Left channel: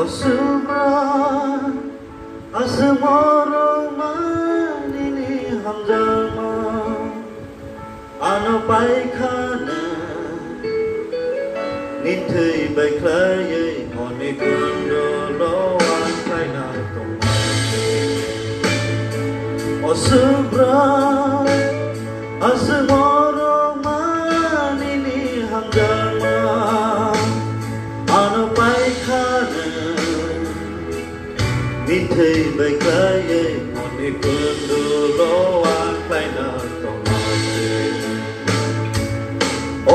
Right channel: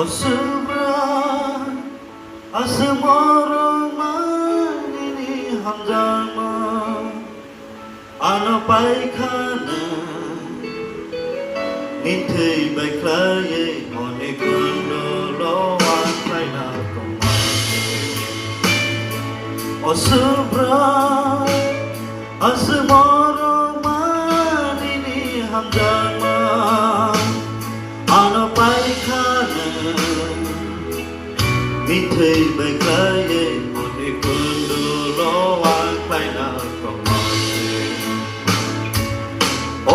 Osubra asmara manini hamzama anapaikana nithei baiklaye hone kundo loan kaina Osubra asmara manini hamzama anapaikana nithei baiklaye hone kundo loan kaina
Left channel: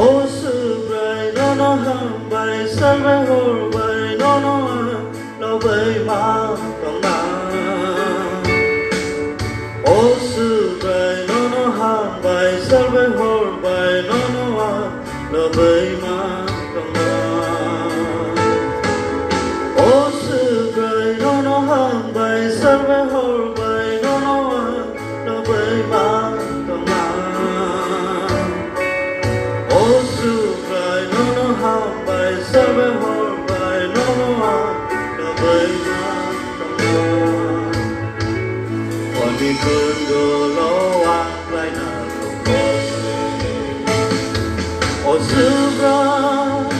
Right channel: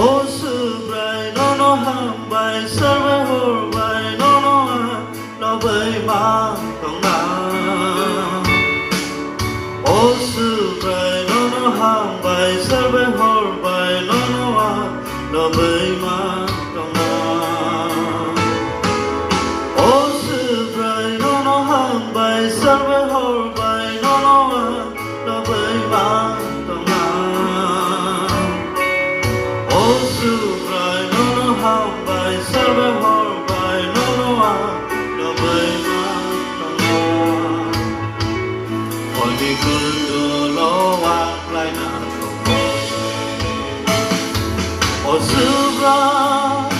Osubrai no no hambai sarve horbai no no no bai ma tong na Osubrai no no hambai sarve horbai no no no bai ma tong na Osubrai no no hambai sarve horbai no no no bai ma tong na Osubrai no no hambai sarve horbai no no no bai ma tong na Wani kundo lo ang lai na Osubrai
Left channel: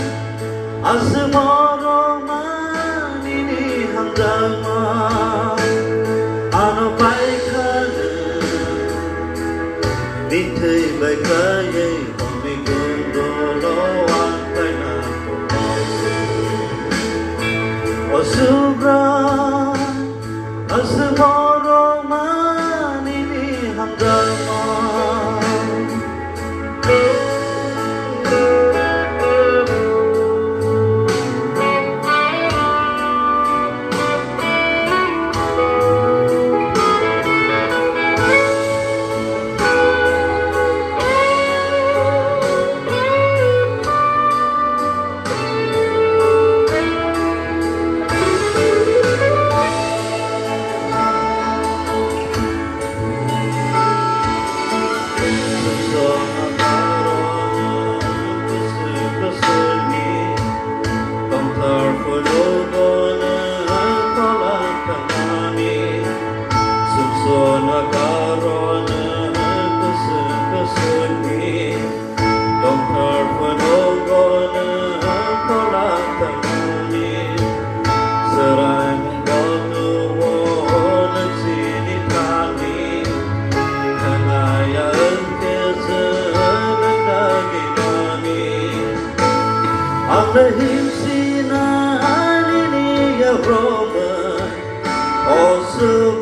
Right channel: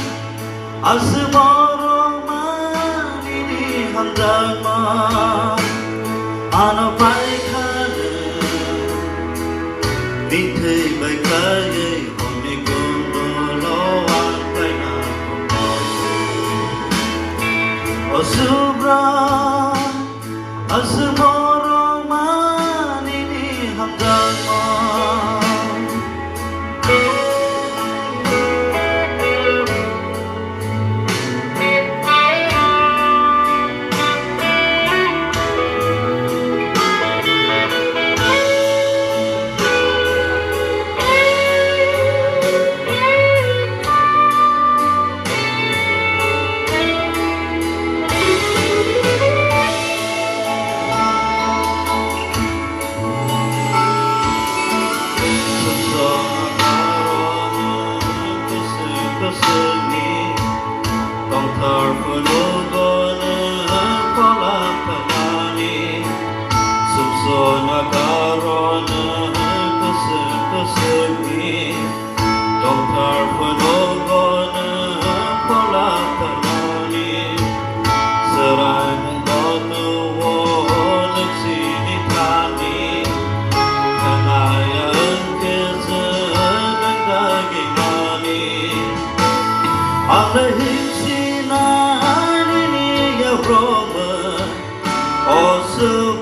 asmara manini hamzama anapaikana nithei baiklaye hone kundo lo ang lai na Osubrai asmara manini hamzama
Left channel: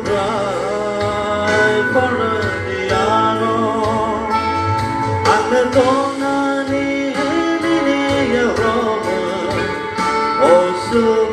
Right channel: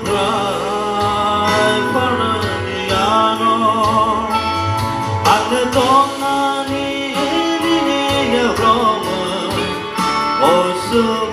Osubrai paradiano ane tongani ni ya Roma Osubrai